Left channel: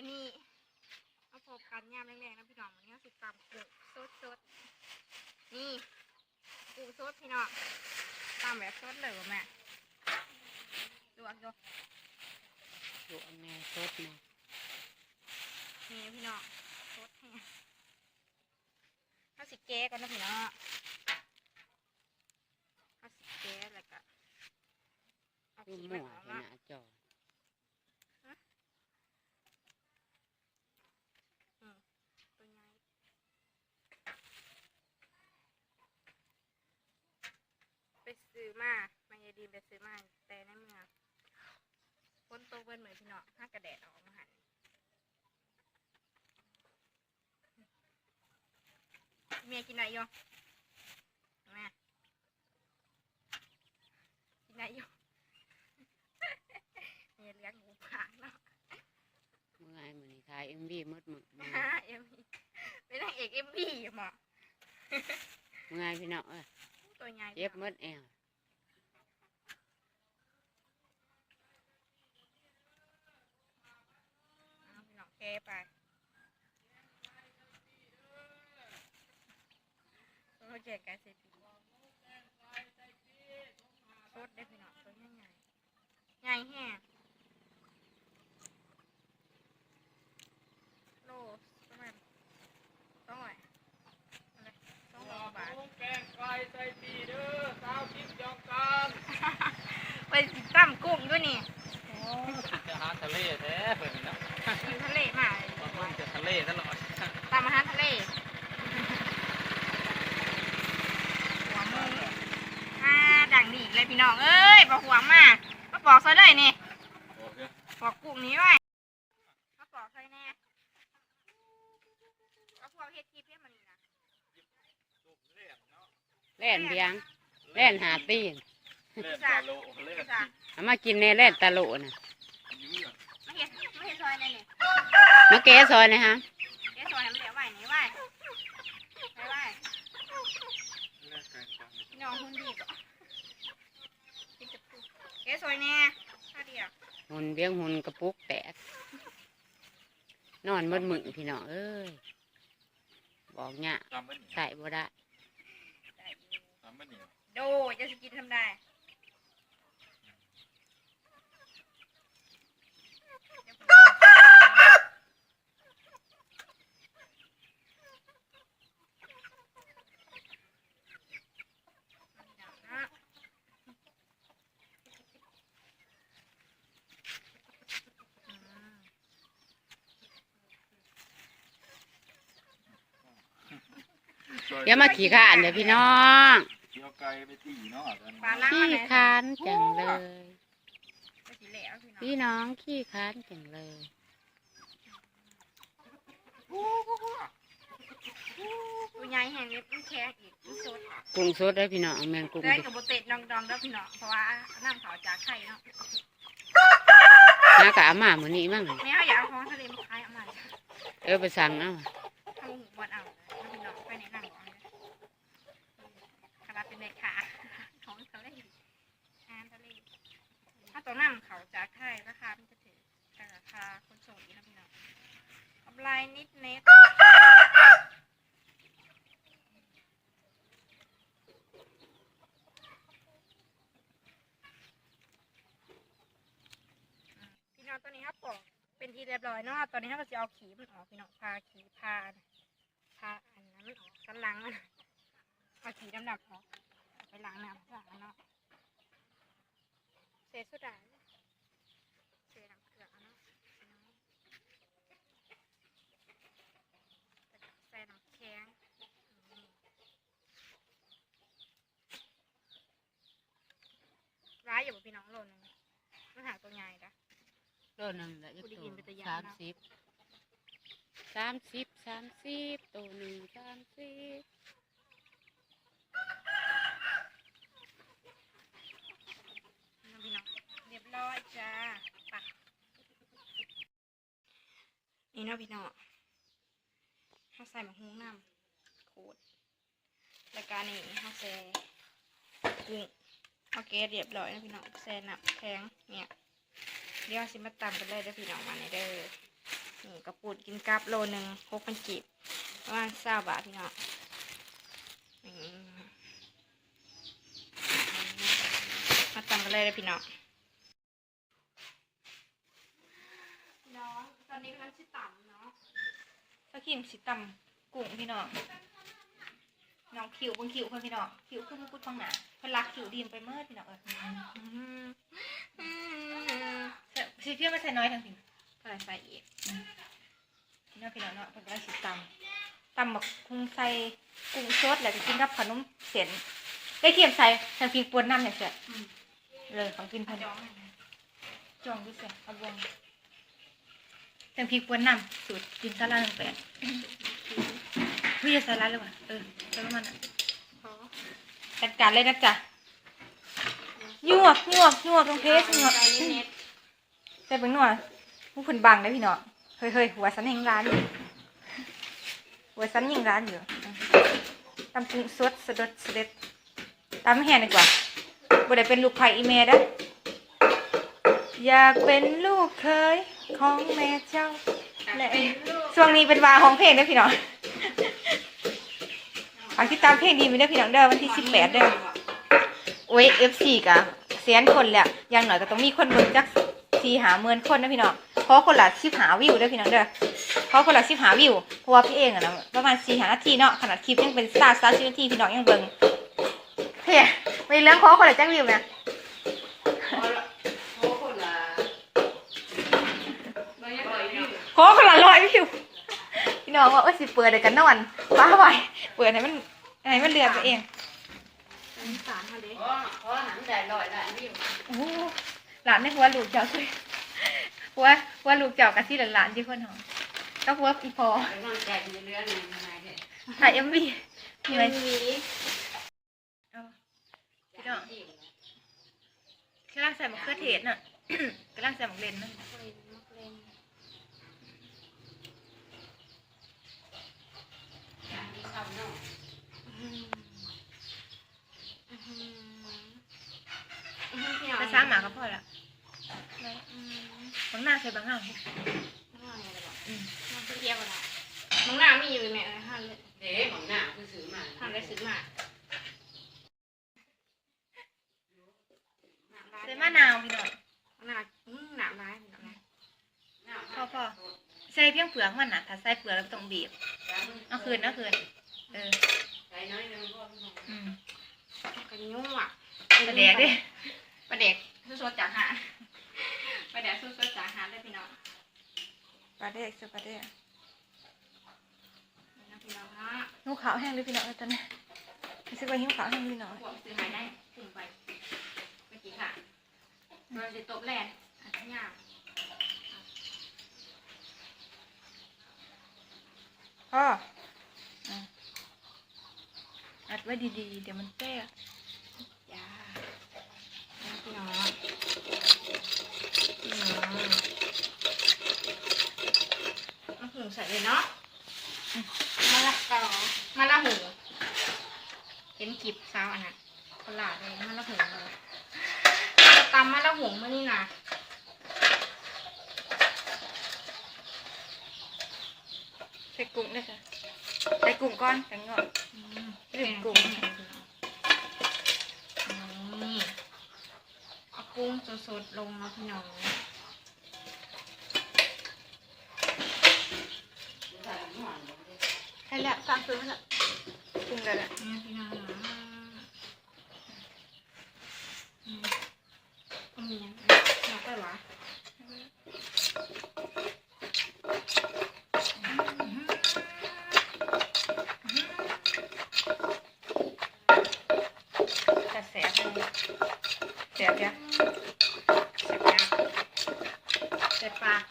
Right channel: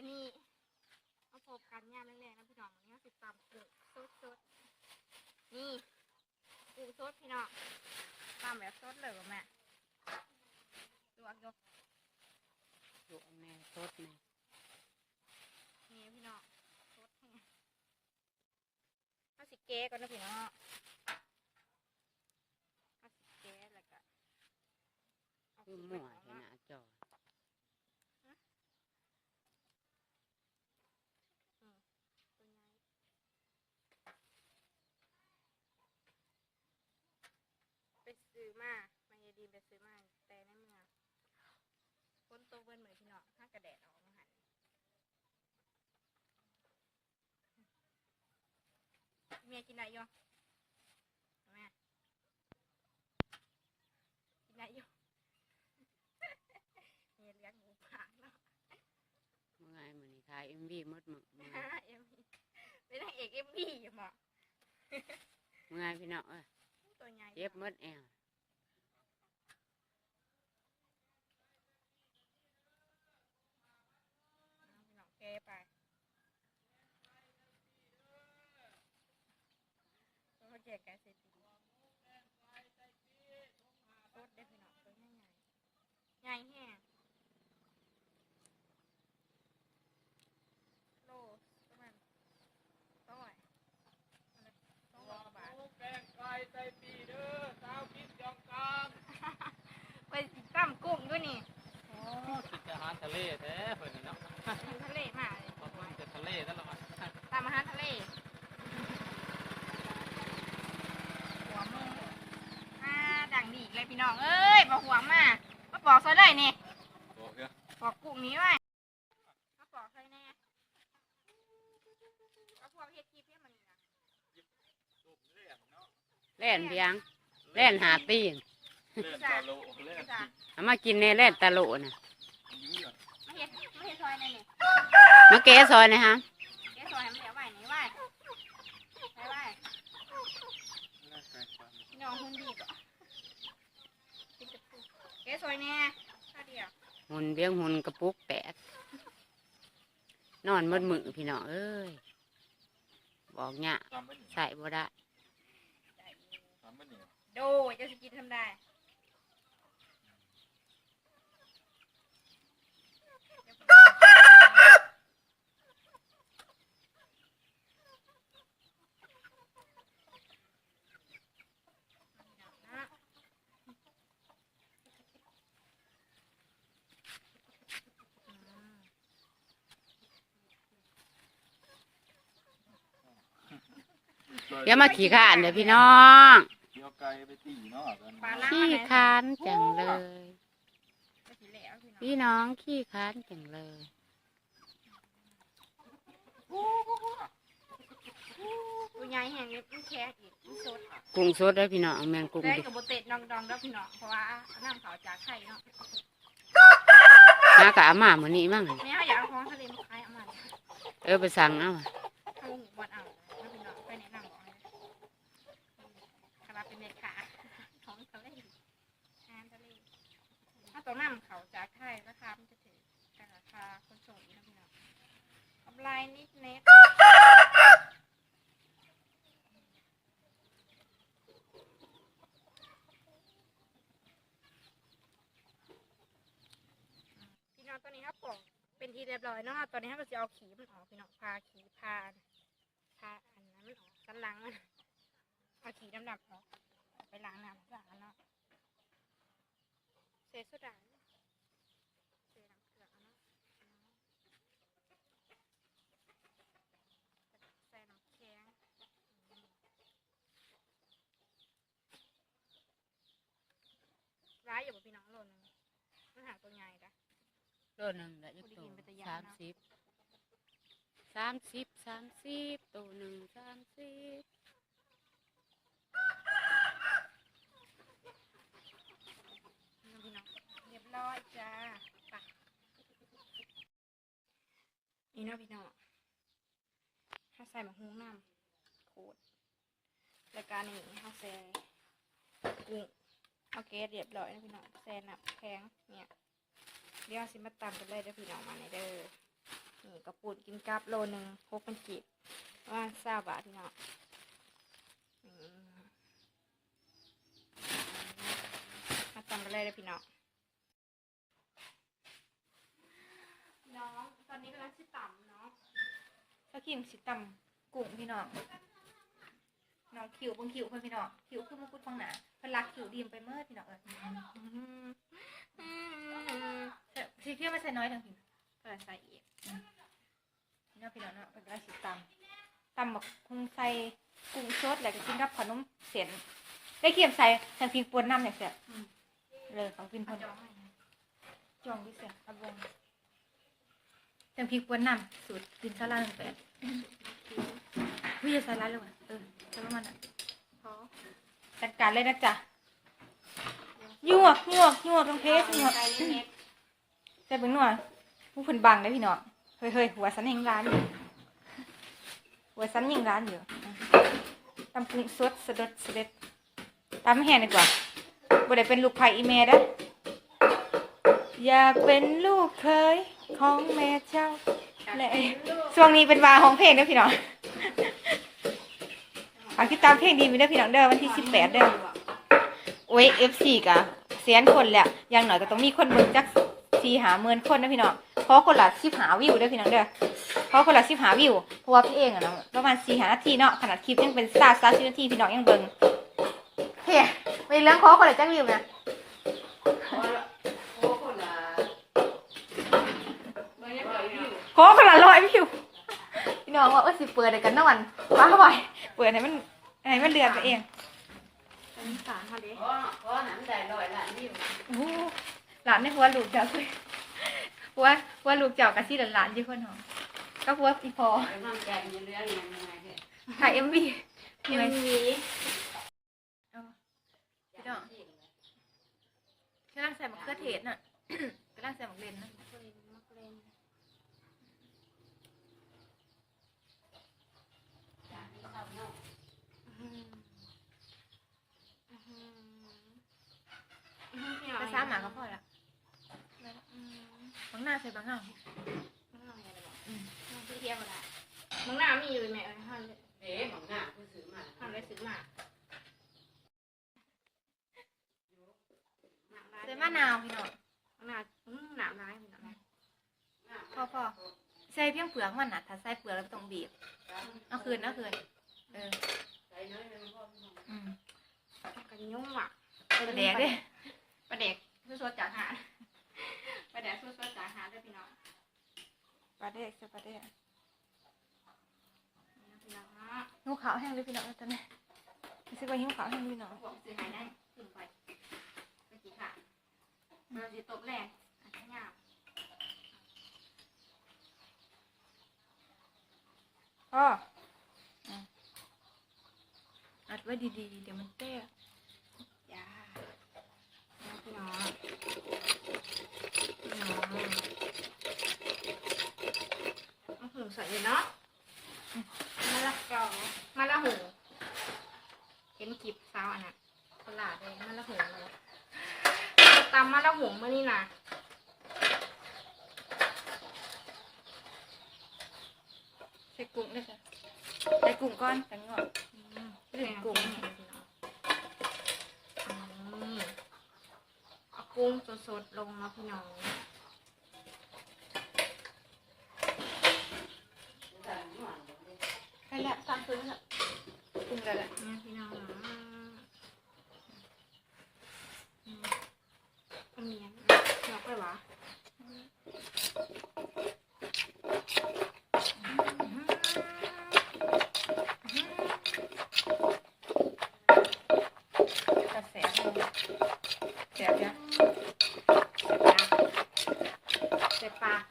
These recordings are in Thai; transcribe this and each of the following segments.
มันนี่มาพบกันยามแรงๆนะพี่น้องวันนี้เราสิตำกุ้งสดสดๆนี่กุ้งสดพี่น้องตำแบบสดเลยว่ะแม่ดูอักดูดูอันแม่สดแม่นี่พี่น้องสดแห้งข้าวสิเก๊กันนะพี่น้องข้าวสิเก๊แล้วก็เอาดูขี้หมัมนวออกเห็นเนาะหน้าจอตัวใหญ่ไป ซื้อมามายายดีมไปซื้อมาแต่ในเมืองฝนตกเบิ้นเหมือนพี่น้องห้ากระแดดออกมาหันเมียกินไหนอยู่แม่กินไหนอยู่เมียเลี้ยงหมูผางเนาะเมื่อไงมือนี้ทายเอ็มบีมดมึงเมื่อเอ็มวีเป็นนางเอกเอ็มวีหมอไงพี่น้องเอ้ยตัวใหญ่เจ็บหมดแอว เอาพี่น้องแก ไปตัวแกแกเซปีสดได้พี่น้องตัวใหญ่ใหญ่ใหญ่แห้งโลประมาณสองร้อยอะไรสองร้อยกว่าบาท แกงไก่ใส่ปีเด้อสาวทิพย์ยองการ ไปติดตั้มกุ้งด้วยนี่ จะหาทะเลแท้เพิ่นนะ อยู่ทะเลมาเลย มันคงจะทะเลตลอด ตามอาหารทะเล หัวมุงอ่าดังดีอีกเลยพี่น้อง เอ้ยบอกหัวมามาปอกซอย เลยนี่โอเคปอกกุ้งนี้ไว้มาปอกซอยแน่เอาพวกเฮ็ดทีเพี้ยมันนี่นะแล่นเพียงแล่นหาตีนเล่นตาโลเล่นจ้ะเอามากินในแล่นตะโลน่ะมาเฮ็ดมาเฮ็ดซอยแน่นี่มาแก้ซอยนะฮะเฮ็ดซอยให้มันเหลียวไว้นี่ไว้ไว้ไว้พี่น้องหุ่นดีบ่กินกับกุ้งเฮ็ดซอยแน่ข้าวเดียว หุ่นเลี้ยงหุ่นกระปุกแตกนอนหมดมือพี่น้องเอ้ยบอกเนี่ยทำมันใส่บ่ได้ทำมันนี่โดจะสกินทำได้ เดี๋ยวมาขี่ข้านเดี๋ยวพี่น้องเกี่ยวไก่ไปตีเนาะกันปลาล้างขี้มาไหนคร้านจังเลยจะสีเหลวพี่น้องพี่น้องขี้คร้านจังเลย ตัวใหญ่แห่งนี้มันแข็งอีกมันสดกุ้งสดได้อพี่น้องแมงกุ้งได้ดิกับโบเตดดองดองๆแล้วพี่น้องเพราะว่าน้ำเขาจากไข่เนาะหากะอามาเหมือนนี้มั่งไม่เอาอยากเอาของทะเลมาขายเอามาเออไปสั่งเอา ทำหูบอนเอาแล้วพี่น้องไปแนะนำ บอกให้นะคาเป็นแม่ค้าของทะเลอาหารทะเลถ้าตัวน้ำเขาจากไข่ราคามันจะถือแต่ราคาคนส่งอีกนะพี่น้องกำไรนิดเน็ตพี่น้องตอนนี้ครับปอกเป็นที่เรียบร้อยเนาะตอนนี้เราก็จะเอาขีมันออกพี่น้องพาขีพาพาอันนั้นมันออกสันหลังมัน เอาขีดำๆออกไปล้างน้ำล้างเนาะเศษโซดาเศษน้ำเกลือเอาเนาะพี่น้องใส่น้ำแข็งอืมร้ายอยู่บ่พี่น้องโลนึงมันหาตัวใหญ่จ้ะโลหนึ่งละจะผู้ได้โตยินเป็นตัวอย่างสามเนาะสิบสามสิบสามสิบตัวหนึ่งสามสิบ น้องพี่น้องเรียบร้อยจ้าไปนี่เนาะพี่น้องถ้าใส่หมะฮุ้งน้ำโคตรรายการนี้เขาแซ่กุ้งโอเคเรียบร้อยนะพี่น้องแซ่น้ำแข็งเนี่ยเดี๋ยวสิมาตำกันเลยเด้อพี่น้องมาในเด้อนี่กระปุดกินกับโลหนึ่งหกพันกีบประมาณเศร้าบาทพี่น้องนี่มาตำกันเลยเลยพี่น้องพี่น้องตอนนี้กำลังชิต่ำเนาะสกิมสิตำกุ้งพี่น้องน้องคิวเบางคิวเพิ่นพี่น้องคิวคือมันพูดฟังหนาเพิ่นรักคิวดีมไปเมื่อพี่น้องเออใส่สิเพี้ยไม่ใส่น้อยทั้งพี่ใส่ใส่อีกพี่น้องพี่น้องเนาะเพิ่นก็ได้สิตำตำบักคุงใส่กุ้งสดแล้วก็กินกับขนมเส้นได้เคียมใส่ทางพิงปวนน้ำอย่างเสีย เลยของกินเพิ่นจองให้นะจองด้วยเสียเอาบวงทางพิงปวนน้ำสูตรกินซาลาหนึ่งแปดวิ่งซาลาเลยว่ะเออจะประมาณนั้นพอจัดการเลยนะจ๊ะยวกยวกยวกตรงเพสยวกใส่เน็ตแต่เป็นหน่วยผู้ผนบังได้พี่น้องเฮ้ยเฮ้ยหัวสันยิงร้านอยู่หัวสันยิงร้านอยู่ตำกุ้งสดสดดสดเด็ดตำแห้งดีกว่า บ่ได้เป็นลูกไผ่อีเมเด้ออยากเป็นลูกเคยของแม่เจ้าและช่วงนี้เป็นวาของเพลงเด้อพี่น้องฝากติดตามเพลงดีไปเด้อพี่น้องเด้อวันที่สิบแปดเด้อโอ้ยเอฟซีกะเสียนคนแหละอย่างหน่อยก็ต้องมีคนเบิ่งจักสี่หาเมือนคนนะพี่น้องเพราะคนละสิบหาวิวเด้อพี่น้องเด้อเพราะคนละสิบหาวิวเพราะว่าพี่เองอะนะประมาณสี่หานาทีเนาะขนาดคลิปยังเป็นซาซาชินาทีพี่น้องยังเบิ่งเฮ้ ม่เรื่องขอคนละจักวิวนะขอคนละร้อยวิวพี่น้องว่าเออสิเปิดเดี๋ยวกันนอนว้าไว้เปิดให้มันให้มันเดือนไปเองสารมาเด้ขอขอหนังได้ลอยได้นี่โอ้โหหลานในหัวลูกเจ้าคือหัวหัวลูกเจ้ากับที่หลานๆที่คนหอมก็หัวอีพอไปนอนแจกอยู่เรื่องนี้ยังไงเด้ถ่ายเอ็มวีเหนื่อยมีเอา พี่น้องกำลังใส่มะเขือเทศน่ะ กำลังใส่มะเล่นนั่นมะเร็งมะเร็งอืมอืมอืมพี่น้องภาษาหมาก็พอละอืมบางหน้าใส่บางหน้าข้างนอกเนี่ยเลยบอกอืมมันเทียบกันละมึงหน้ามีอยู่เลยแม่เออห้ามเลยเด้หมองหน้าคือซื้อมาห้ามได้ซื้อมา ใส่มะนาวพี่น้อง หน้าอืมหนามร้ายเหมือนกันนะ พอพอใส่ เพียงเปลือกมันน่ะ ถ้าใส่เปลือกแล้วต้องบีบเอาคืนเอาคืนเออใส่น้อยนึงพ่ออืมกันยุ่งอะประแดกเด้ประเด็กสดๆจากหาดประเด็กสดๆจากหาดได้พี่น้องปลาแดกใส่ปลาแดกนี่นะพี่น้องฮะหิวขาวแห้งเลยพี่น้องตอนนี้รู้สึกว่าหิวขาวแห้งเลยพี่น้องพวกซื้อหายได้กลุ่มไปเมื่อกี้ค่ะเราจะตบแลนอาจจะยาก พ่ออะอัดไว้ดีๆ เดี๋ยวมันแตกจ้านะพี่น้องพี่น้องมาหุงใส่เลยเนาะมาละเกามาละหูเห็นกิบสาวอันน่ะคนละเลยมาละหูเลยจะตำมาละหูมื่อนี่นะ ใส่ กุ้งด้วยค่ะใส่กุ้งก้อนแต่งงอกอืมลืมกุ้งอืมเอากุ้งสดๆลงมาพี่น้องให้ละตามซื้อละกุ้งได้ละเนี่ยพี่น้องอืมก็มีอันเราไปหวะ嗯จะแสบเลยแสบยัง เสียบยาเสียบปาก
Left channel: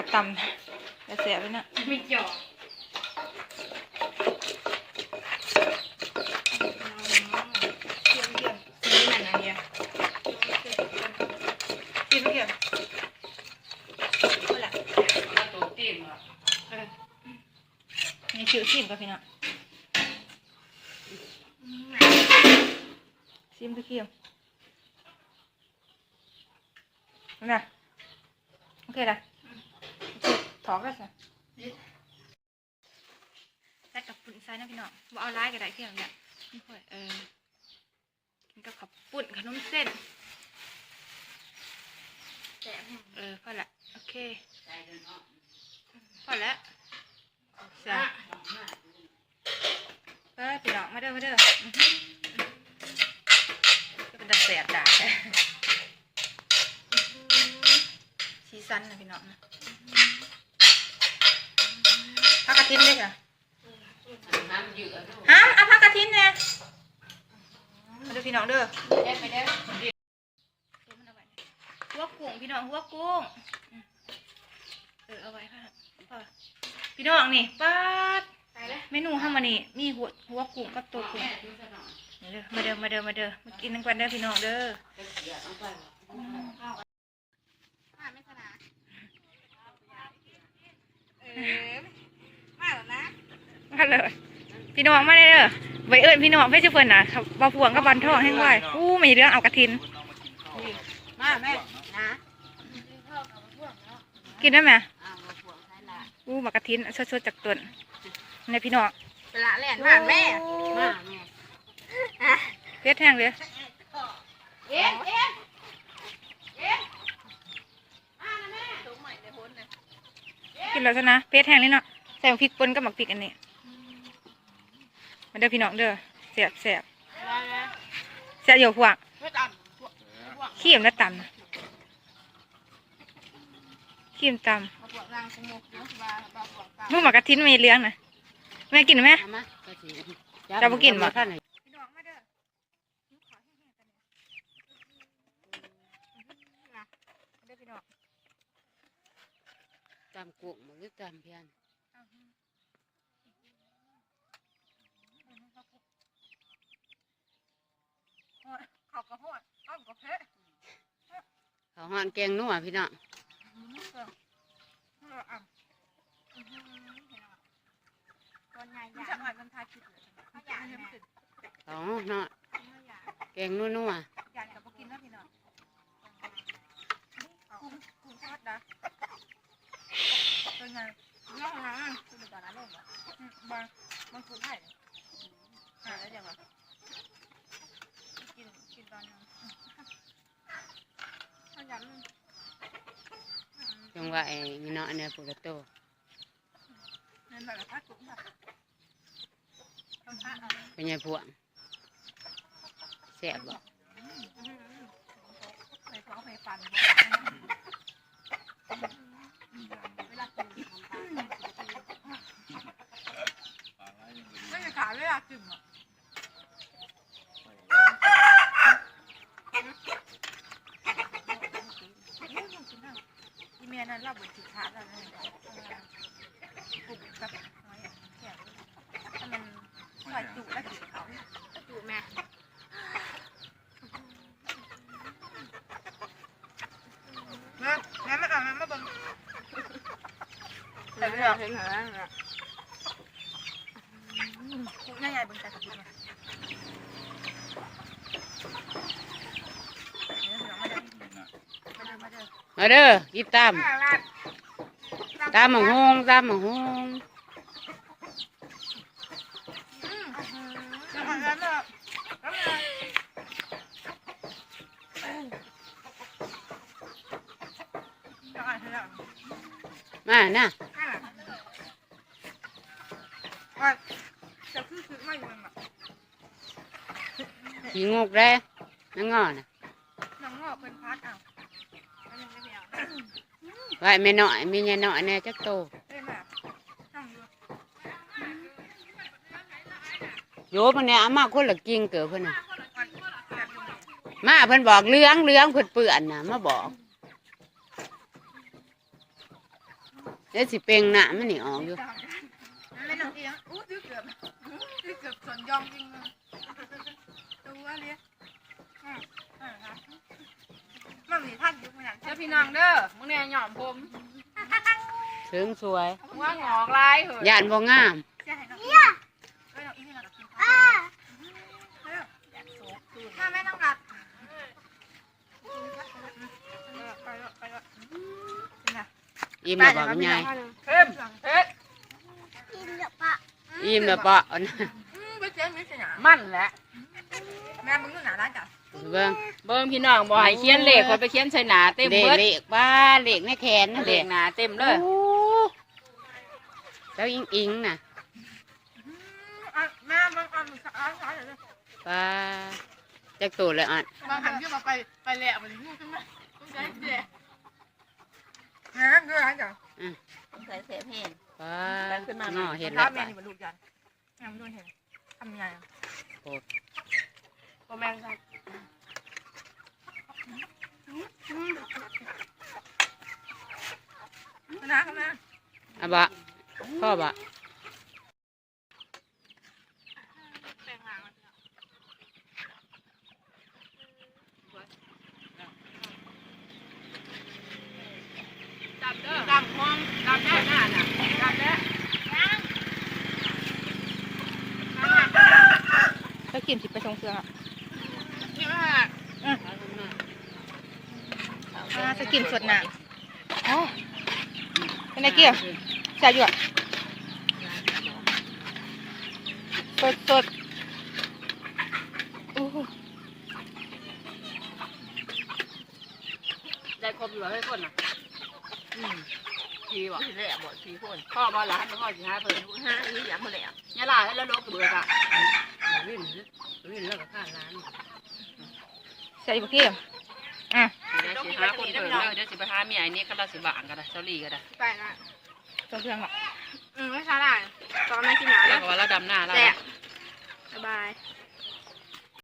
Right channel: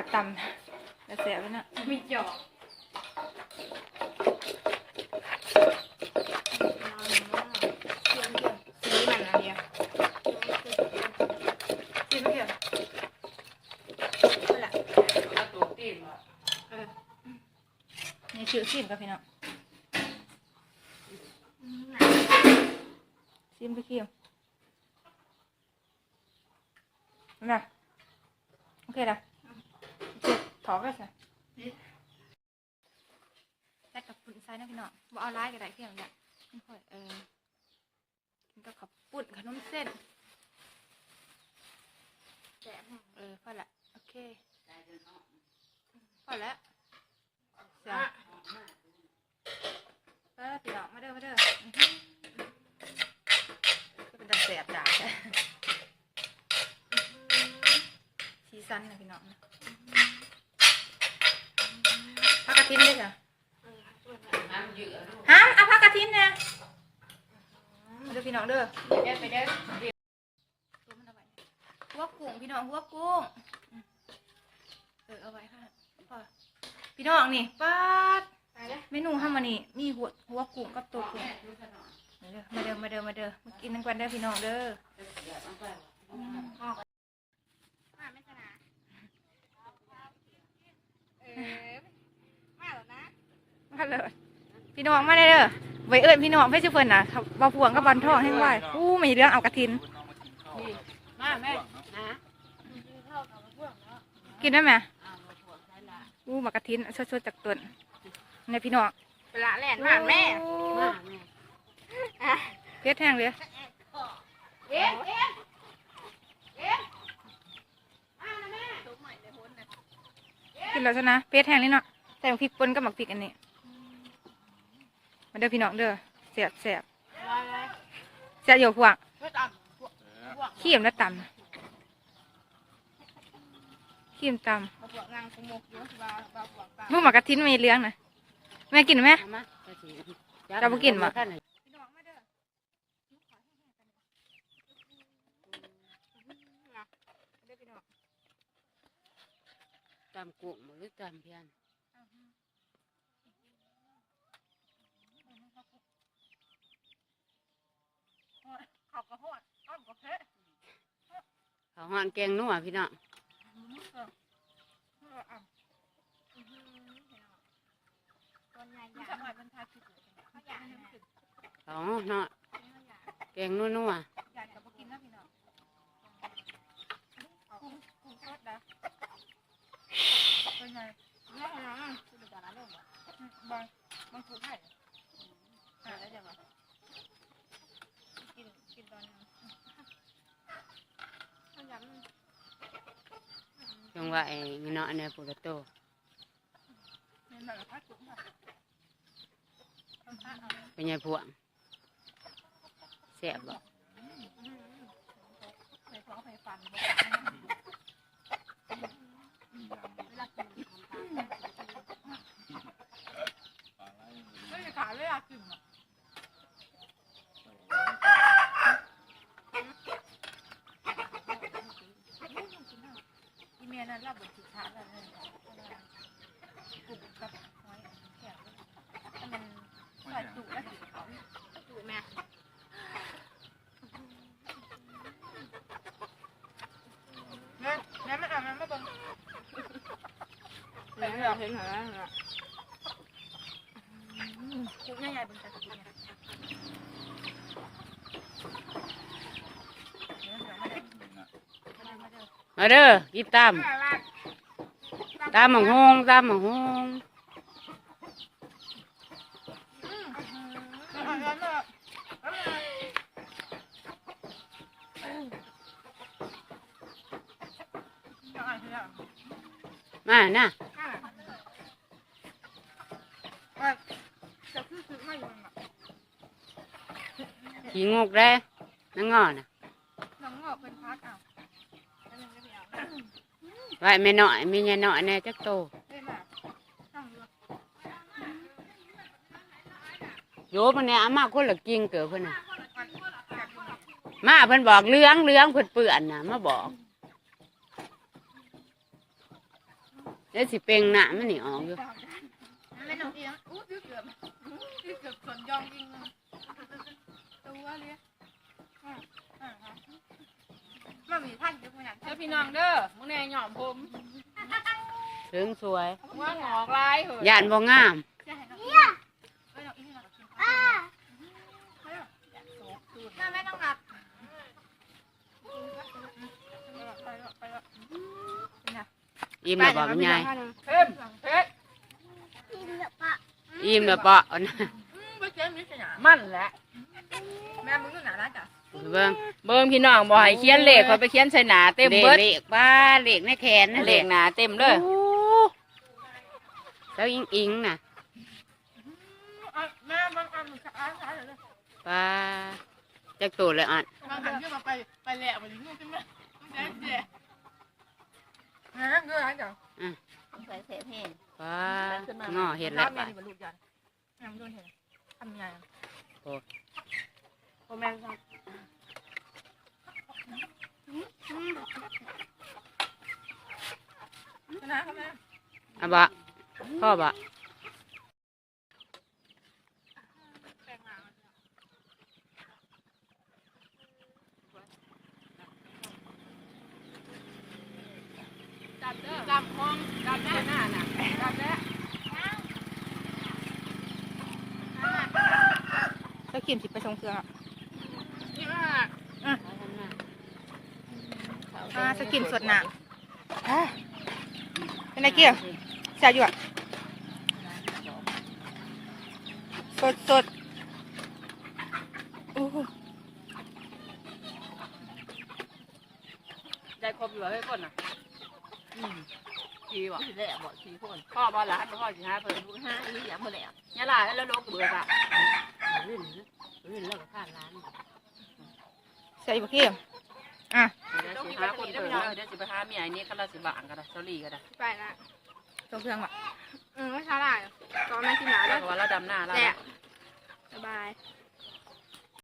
ขาดตำจะแสบเลยนะมีหยอกเกี่ยวเกี่ยวสีมันอะไรอะกินไม่เกี่ยวเอาละแล้วตัวตีนว่าเออนี่ชิวชิมกับพี่น้องอืมชิมไปเกี่ยวนะโอเคละโอเค ถอกได้สิแซ่กับปุ่นไซนะพี่น้องว่าเอาไล่ก็ได้เที่ยงเนี่ยไม่ค่อยเออกินกับขับปุ่นขนมเส้นแซ่บแห้งเออพอละโอเคพอแล้วเสียไปพี่น้องมาเด้อมาเด้ออื้อหือก็เป็นตาแสบด่าแท้ชีสันนะพี่น้องนะพักกระ ทินด้วยค่ะห้ามเอาพักกระทินเนี่ยมาเด้อพี่น้องเด้อเด้อไปเด้อตัวมันเอาไว้เนี่ยหัวกุ้งพี่น้องหัวกุ้งอืมเออเอาไว้ค่ะพอพี่น้องนี่ป้าดไปเลยเมนูห้ามานี่มีหัวหัวกุ้งกับตัวกุ้งนี่เด้อมาเด้อมาเด้อมาเด้อมากินกันก่อนเด้อพี่น้องเด้อมาไม่สนาเออมาแล้วนะ มาเลย พี่น้องมาเด้อไว้เอิ้นพี่น้องเพื่อจะเพิ่นน่ะครับบ่พวงกับบอลทองแห้งไว้อู้มีเรื่องเอากระทิน มาแม่นะกินได้ไหมอ้าวบ่พวกใช่ละอู้หมากกระทินสดๆจากต้นในพี่น้องเวลาแล่นผ่านแม่มาแม่เพชรแห้งเลยเอ๊ะเอ๊ะกินแล้วซะนะเพชรแห้งนี่เนาะใส่หมกพริกป่นกับหมักพริกอันนี้มา เด้อพี่น้องเด้อเสียบเสียบแล้วแล้วเสียบอยู่พวกไม่ตันพวกขี้มและตำนะขี้มตมาพวกนางสมุกเยอะว่าเบาพวกเปล่าำลูกหมากกระทินมีเลี้ยงนะแม่กินไหมเอามาก็สิจะบ่กินบ่ท่านให้พี่น้องมาเด้อเด้อพี่น้องตำกุ้งบ่หรือตำเพียน เขากระหอดอ้อมกระเพะเขาหอนแกงนัวพี่น้องตัวใหญ่มันใหญ่จะอ่อนมันทาคิดเลยเขาอยากแม่เขาเนาะเขาอยากแกงนัวนัวอยากกับกินนะพี่น้องกุ้งกุ้งทอดนะเป็นไงน้องน้องคือตอนนั้นเลยบอกอืมบางบางกุ้งไผ่หาแล้วเดี๋ยวก่อน กินกินตอนนั้นเขาอยากมัน จังว่าไอ้เนาะเนี่ยปุระโตเงินแบบพักกุ้งแบบทำผ้าเป็นไงพวงแซ่บบ่ไปฟ้องไปฟันไม่ขาเลยอะกึ่งอะอีเมีย นั้นเราบนสิขาแล้วนี่กุ้งกับหอยแข็งถ้ามันใส่จุแล้วกินเขาจูแม่แม่แม่ไม่เอาแม่ไม่เบิ่งแต่เรื่องเห็นเหรอกุ้งใหญ่เบิ่งแต่กินมาเดี๋ยวเดี๋ยวมาเด้อ มาเด้อด้อมาเด้อกินตำตำหมังฮงตำหมังฮงมานให้ได้มาน่ะขี้งกได้นังงอน่ะน้องงอเป็นพาร์ทเอา ไว้แม่น้อยมีแม่ยายน้อยแน่จักโตโยมันเนี่ยอามาคนละกิ่งเกิดเพิ่นน่ะมาเพิ่นบอกเลื้องเลื้องเพิ่นเปื่อนน่ะมาบอกเดี๋ยวสิเป่งหน้ามันนี่ออกอยู่ไม่น้องเอียงอู้ดื้อเกือบดื้อเกือบสนยองจริงตัวเลยอ่าอ่าครับ มันมีท่านยุคไม่นานเด้อพี่น้องเด้อมึงเนี่ยหยอมผมถึงสวยว่างอกลายเหอะย่านบ่งามจะให้น้องเนี่ยเอ้ยน้องอีนี่เรากับกินข้าวแม่แม่ต้องรัดไปแล้วอิ่มแล้วบ่มันใหญ่เข้มเฮ็ดอิ่มแล้วบ่เอานะไปเจ๊มิสนามันแหละแม่มึงดูหนาร้านจ้ะ เบิ่งเบิ่งพี่น้องบ่ให้เขียนเลขเขาไปเขียนใส่หนาเต็มเด็กเบิดเล็กบ้าเล็กในแขนนั่นเลเด็ขกหนาเต็มเลยโอ้แล้วอิงอิงน่ะแม่มึงเอามึงร้านร้านเลยป้าจักตัวเลยอะบางครั้งที่มาไปไปแหละมันยุ่งขึ้นนะแม่ดูร้านจ้ะใส่เสพเห็นป้างอเห็นแล้วแม่ป้านี่บรรลุยันแม่มึงดูเห็นทำยังไงบ่แม่นครับ นะครับแม่อะบ่พ่อบ่จับเด้อจับห้องจับหน้าน่ะจับแล้วถ้ากินสิไปทรงเครืองอะนี่ว่า อ่าสกิมสดหนาเป็นไงเกี่ยวใส่อยู่อะสดสดอู้หูได้ครบอยู่ให้คนน่ะอืมดีว่ะแหละบอกสี่คนพ่อบ่หลานบ่พ่อสิหาเพิ่นลูกห้าอันนี้อยากมาแล้วยาลาแล้วลกเบื่อกะวิ่งวิ่งแล้วก็ข้าร้านใส่อยู่เกี่ย วอะเดี๋ยวสิหาคนเพิ่นเดี๋ยวสิไปหาเมียไอ้นี่ก็เราสิบางก็ได้เจ้าลี่ก็ได้ไปละทรงเครื่องอะอืมไม่ใช่ได้ตอนนั้นกินหนาแล้แล้ววก็ว่าเราดำหน้าแล้วแหละสบายเ